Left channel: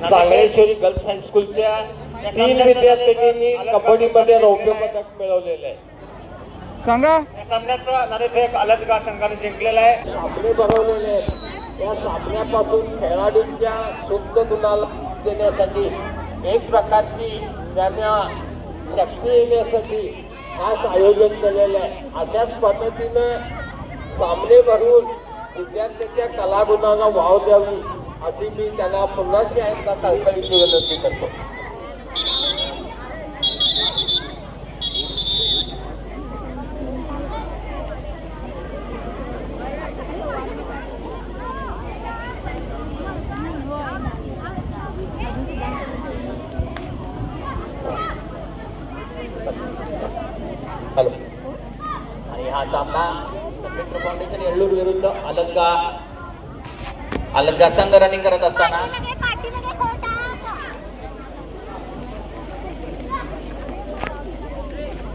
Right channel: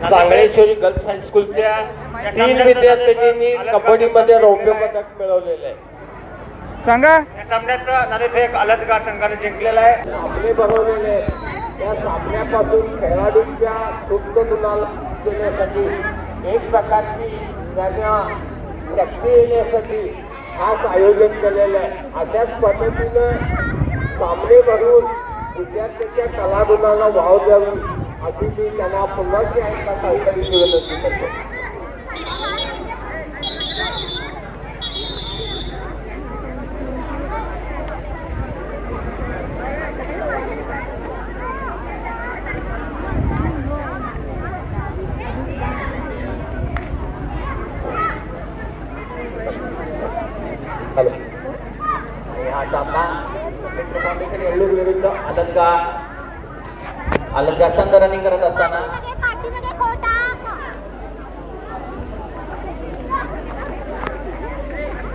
सांगळेश्वरी girls हायस्कूलच्या 3 विद्यार्थ्यांनी कबड्डीमध्ये रौप्य पदक मिळवलेलं आहे. सांगा. या सामन्याचा नाणेफेक अलदगा संघाने जिंकलेला आहे. सामने भरवलेले या सामन्यापासून खेळाडूंच्या शुद्ध गुणाला देण्यासाठी एक प्रकारची त्यांना शक्ती येण्यासाठी खास आयोजन केलेलं आहे. अशाच पद्धतीने सामने भरून विद्यार्थ्यांच्या कलागुणांना वाव द्यावी अशी मी त्यांना पुन्हा एकदा कळकळीची विनंती करतो. हॅलो. आणि हा सामना फाउंडेशन येल्लूर विरुद्ध अलगदा संघ रनिंग करत असताना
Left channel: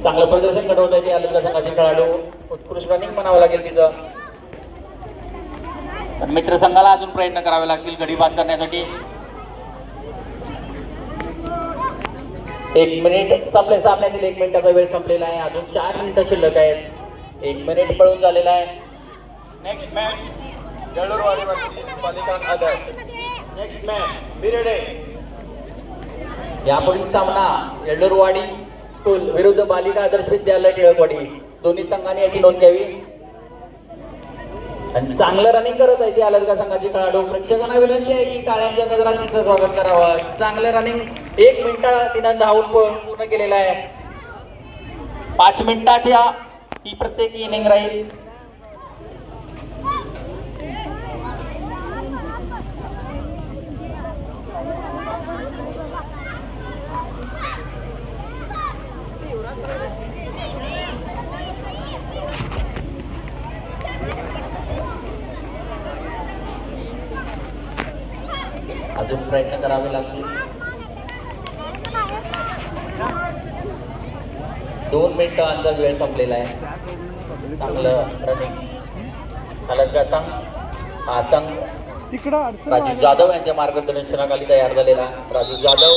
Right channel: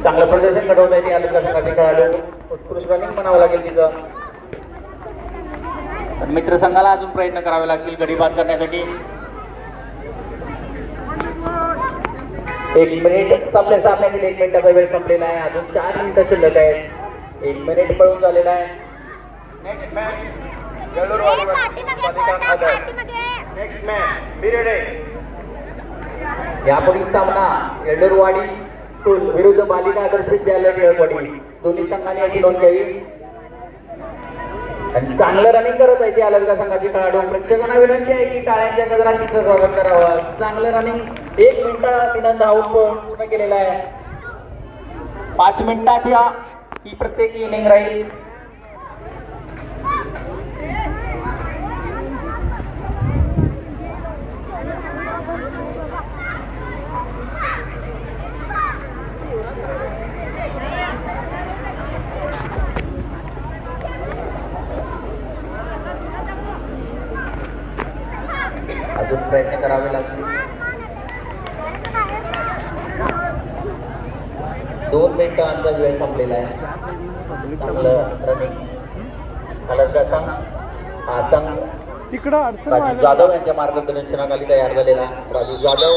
चांगलं प्रदर्शन घडवत आहे. अलगदा संघाचे खेळाडू उत्कृष्ट रनिंग म्हणावं लागेल तिचं. मित्र संघाला अजून प्रयत्न करावे लागतील गडी बाद करण्यासाठी. 1 मिनिट संपले. सामन्यातील 1 मिनिटाचा वेळ संपलेला आहे. अजून 4 मिनिटं शिल्लक आहेत. 1 मिनिट पळून झालेला आहे. नेक्स्ट मॅच यापुढील सामना येडूरवाडी स्कूल विरुद्ध बालिका आदर्श विद्यालय टिळकवाडी. दोन्ही संघांनी याची नोंद घ्यावी. आणि चांगलं रनिंग करत आहे अलगदा संघाचे खेळाडू. प्रेक्षकांना विनंती आहे की टाळ्यांच्या गजरात तिचं स्वागत करावं. चांगलं रनिंग 1 मिनिट तिनं धावून पूर्ण केलेला आहे. 5 मिनिटाच्या ही प्रत्येक इनिंग राहील. अजून प्रयत्न करावे लागतील. 2 मिनिटांचा वेळ संपलेला आहे. चांगलं रनिंग अलगदा संघ. हा संघ राजू जाधव यांच्या मार्गदर्शनाखाली तयार झालेला. राजू जाधव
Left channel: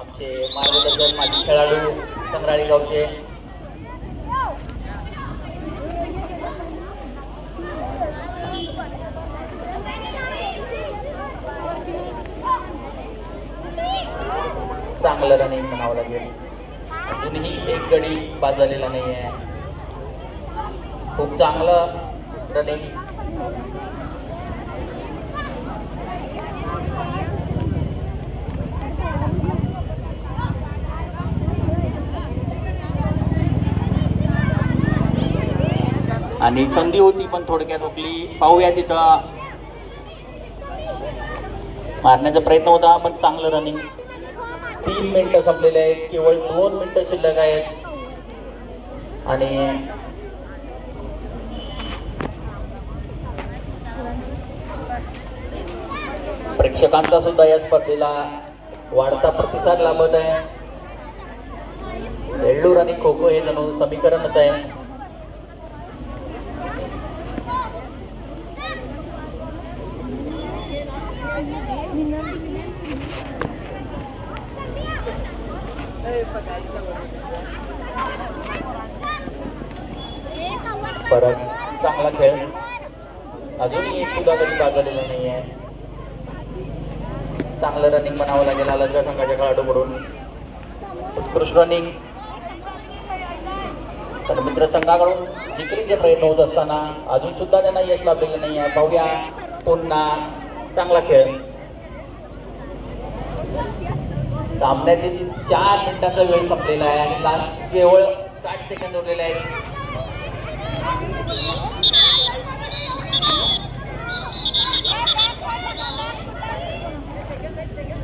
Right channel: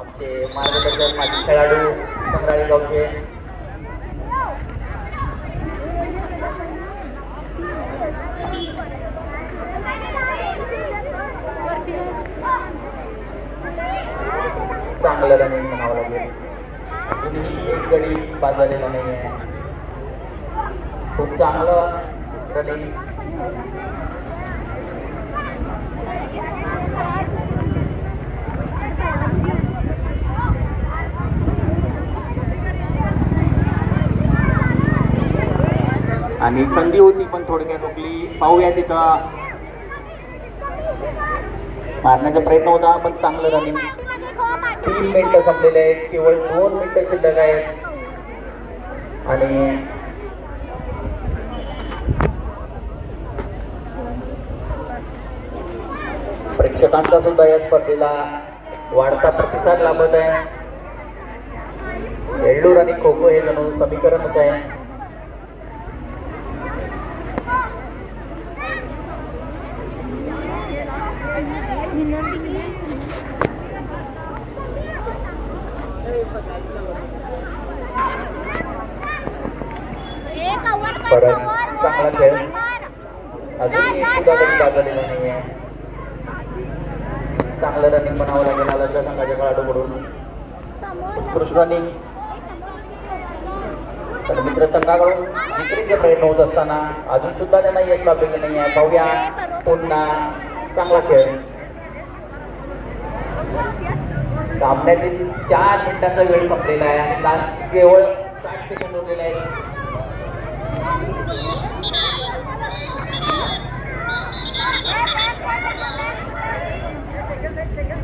आमचे मार्गदर्शक माजी खेळाडू संग्राळी गावचे. चांगलं रनिंग म्हणावं लागेल. अजूनही एक गडी बाद झालेला नाही आहे. खूप चांगलं रनिंग. आणि संधी होती पण थोडक्यात हुकली. पाहूया तिथं मारण्याचा प्रयत्न होता पण चांगलं रनिंग. 3 मिनिटं संपलेले आहेत. केवळ 2 मिनिटं शिल्लक आहेत. आणि प्रेक्षकांचा सुद्धा या स्पर्धेला वाढता प्रतिसाद लाभत आहे. येल्लूर आणि खो खो हे जणू समीकरणच आहे. परत चांगला खेळ. अजूनही सुद्धा कधी बाजलेला नाही आहे. चांगलं रनिंग म्हणावं लागेल अलगदा संघाच्या खेळाडूकडून. उत्कृष्ट रनिंग. पण मित्र संघाकडून जिंकण्याचे प्रयत्न होत असताना अजून सुद्धा त्यांना यश लाभलेलं नाही आहे. पाहूया पुन्हा चांगला खेळ. सामन्याचे 4 मिनिटांचा वेळ संपलेला आहे आणि लास्ट केवळ 60 सेकंद उरलेले आहेत.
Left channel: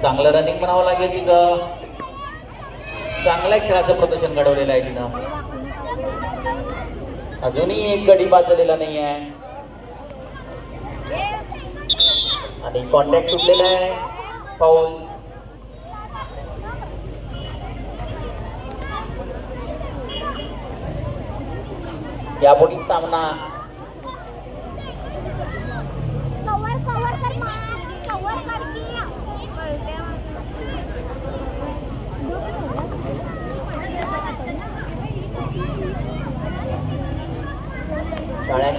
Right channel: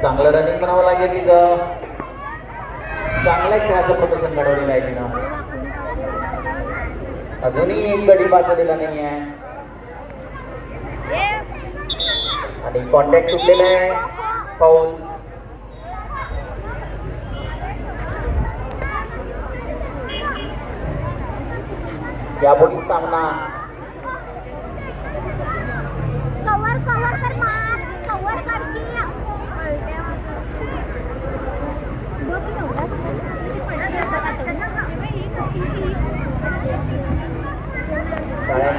चांगलं रनिंग करावं लागेल तिथं. चांगल्या खेळाचं प्रदर्शन घडवलेलं आहे तिनं. अजूनही एक गडी बाद झालेला नाही आहे आणि कॉन्टॅक्ट सुटलेला आहे. फाऊल. यापुढील सामना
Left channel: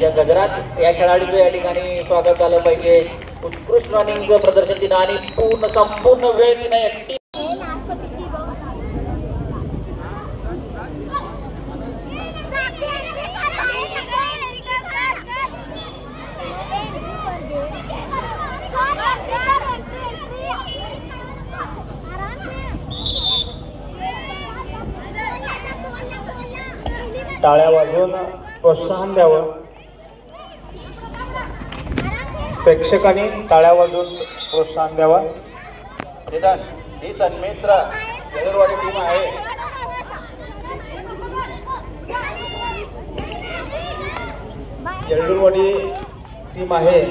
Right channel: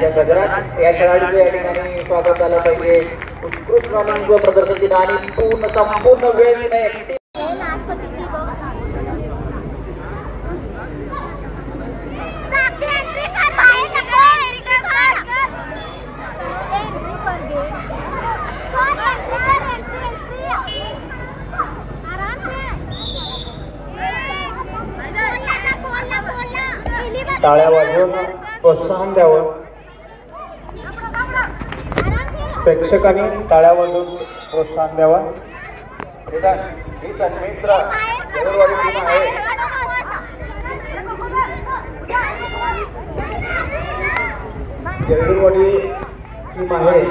त्यांच्या गजरात या खेळाडूचं या ठिकाणी स्वागत झालं पाहिजे. उत्कृष्ट रनिंगचं प्रदर्शन दिलं आणि संपूर्ण वेळ तिने एकटी टाळ्या वाजवून प्रोत्साहन द्यावं. प्रेक्षकांनी टाळ्या वाजवून प्रोत्साहन द्यावं. ही सन्मित्र आहे. येरडूरवाडी टीम आहे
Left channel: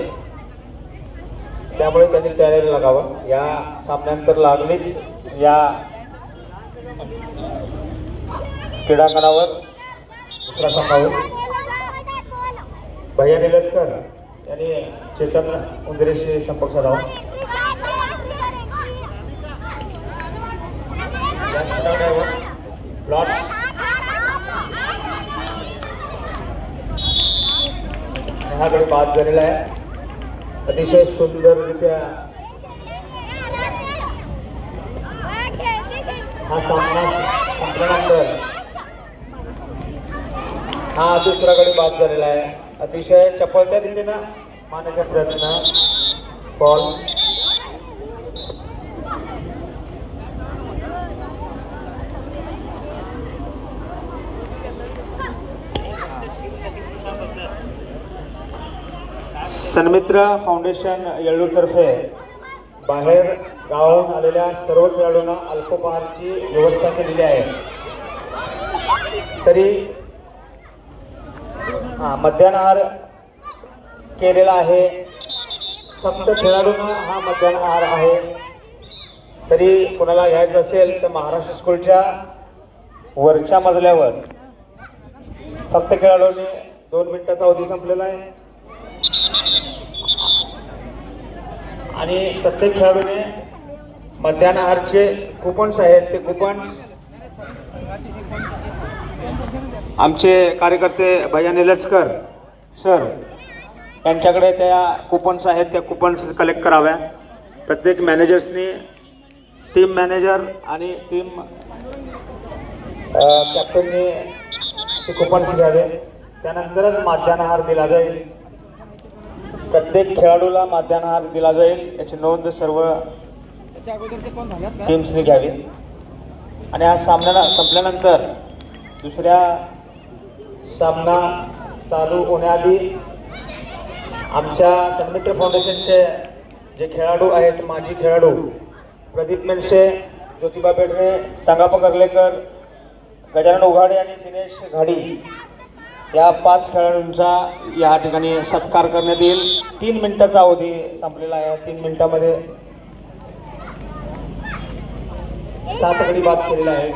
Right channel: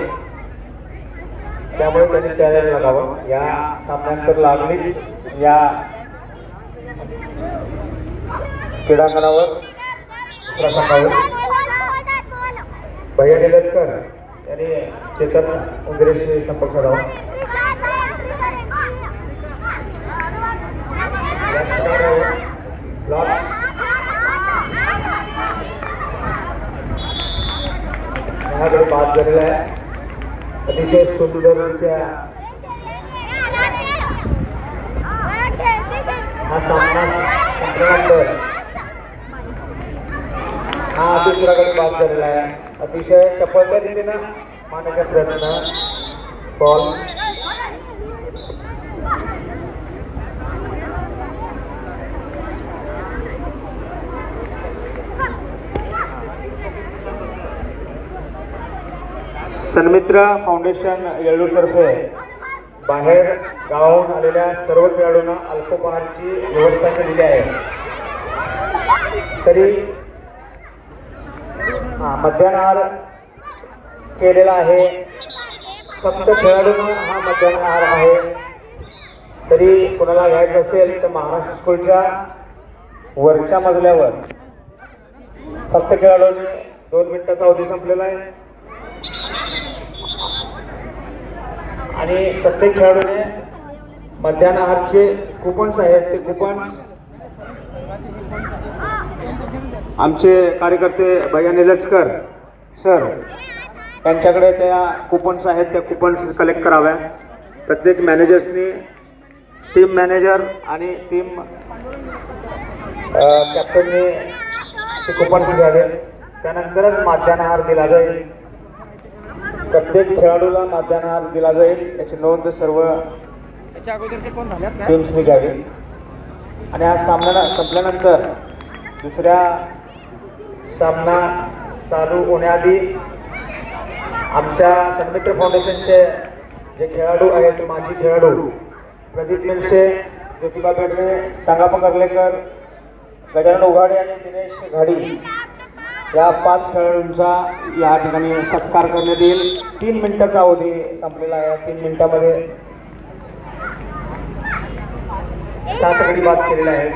त्यामुळे त्यांनी तयारी लागावं. या सामन्यांतर लागलीच या क्रीडांगणावर प्रसंगावर भैया निलजकर यांनी चेतन उंगरेशी संपर्क साधावा. बाब झालेला आहे. अतिशय सुंदररित्या हा सामना संपल्यानंतर हा दुसरा गडी बाद झालेला आहे. अतिशय चपळत्या रीतीने मानण्याचा प्रयत्न बॉल सन्मित्र फाउंडेशन येळूरतर्फे बाहेर गावाहून आलेल्या सर्व खेळाडूंना अल्पोपहारची व्यवस्था केलेली आहे. तरी मध्यान्ह आहार केलेला आहे. फक्त खेळाडूंना हा मध्यान्ह आहार आहे. तरी कोणाला घ्यायचं असेल तर महाराष्ट्र स्कूलच्या वरच्या मजल्यावर फक्त खेळाडूंनी 2 मिनिटाचा अवधी संपलेला आहे आणि प्रत्येक खेळाडूने मध्यान्ह आहारचे कुपन्स आहेत. ते कुपन्स आमचे कार्यकर्ते भैया निलजकर सर यांच्याकडे त्या कुपन्स आहेत. त्या कुपन्स कलेक्ट कराव्या. प्रत्येक मॅनेजर्सनी टीम मॅनेजर आणि टीम कॅप्टनने ते कुपन्स घ्यावे. त्यानंतरच मध्यान्ह आहार दिला जाईल. प्रत्येक खेळाडूला मध्यान्ह आहार दिला जाईल याची नोंद सर्व टीम्सनी घ्यावी. आणि हा सामना संपल्यानंतर दुसऱ्या सामना चालू होण्याआधी आमच्या सन्मित्र फाउंडेशनचे जे खेळाडू आहेत माजी खेळाडू प्रदीप मेनसे, ज्योतिबा बेडरे, संगाप्पा कर्लेकर, गजानन उघाडे आणि दिनेश घाडी या 5 खेळाडूंचा या ठिकाणी सत्कार करण्यात येईल. 3 मिनिटाचा अवधी संपलेला आहे. 3 मिनिटांमध्ये 7 गडी बाद केलेले आहेत.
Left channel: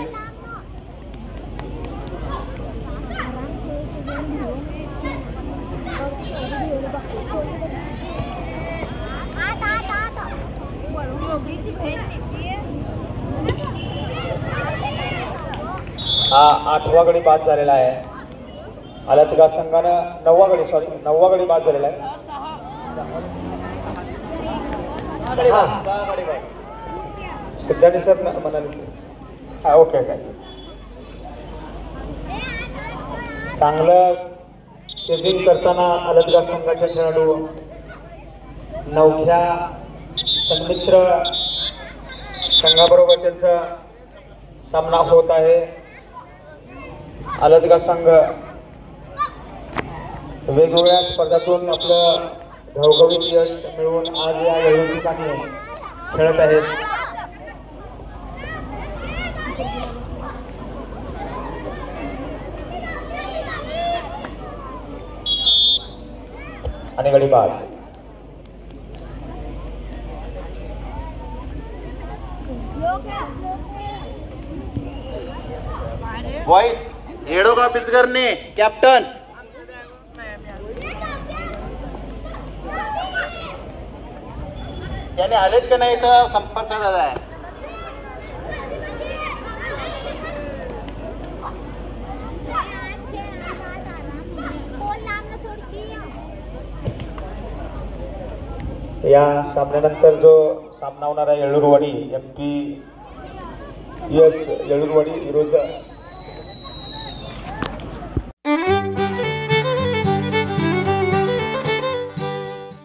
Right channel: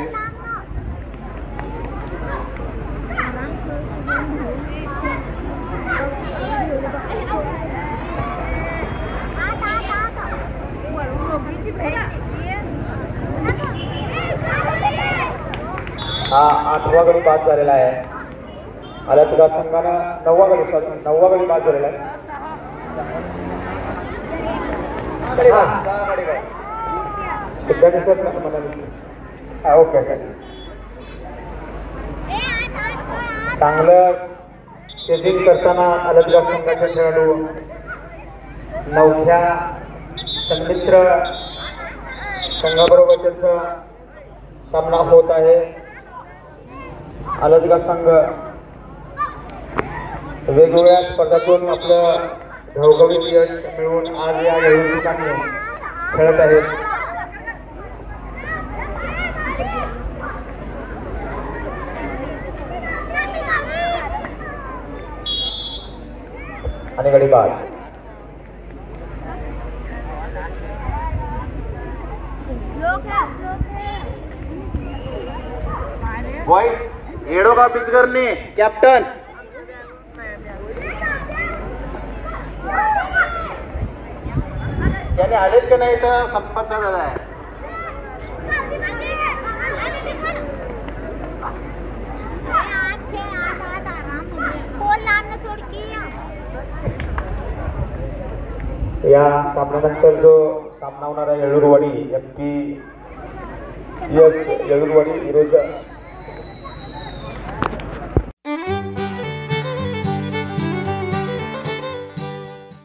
हा 8वा गडी बाद झालेला आहे. अलतगा संघानं 9वा गडी बाद झालेला आहे. सिद्धांत सर म्हणाले हा ओके. चांगलं शेतींग करताना अलतगा संघाचे खेळाडू 9व्या सन्मित्र संघाबरोबर त्यांचा सामना होत आहे. अलतगा संघ वेगवेगळ्या स्पर्धातून आपलं घवघवीत यश मिळवून आज या वेळी ठिकाणी खेळत आहेत. आणि गडी बाद. येडोबा बिजगरने कॅप्टन त्याने आलेच का नाही तर संपर्क झाला आहे. फोन लांब सोड की या सामन्यानंतर जो सामना होणार आहे येळूरवाडी MP येळूरवाडी विरुद्ध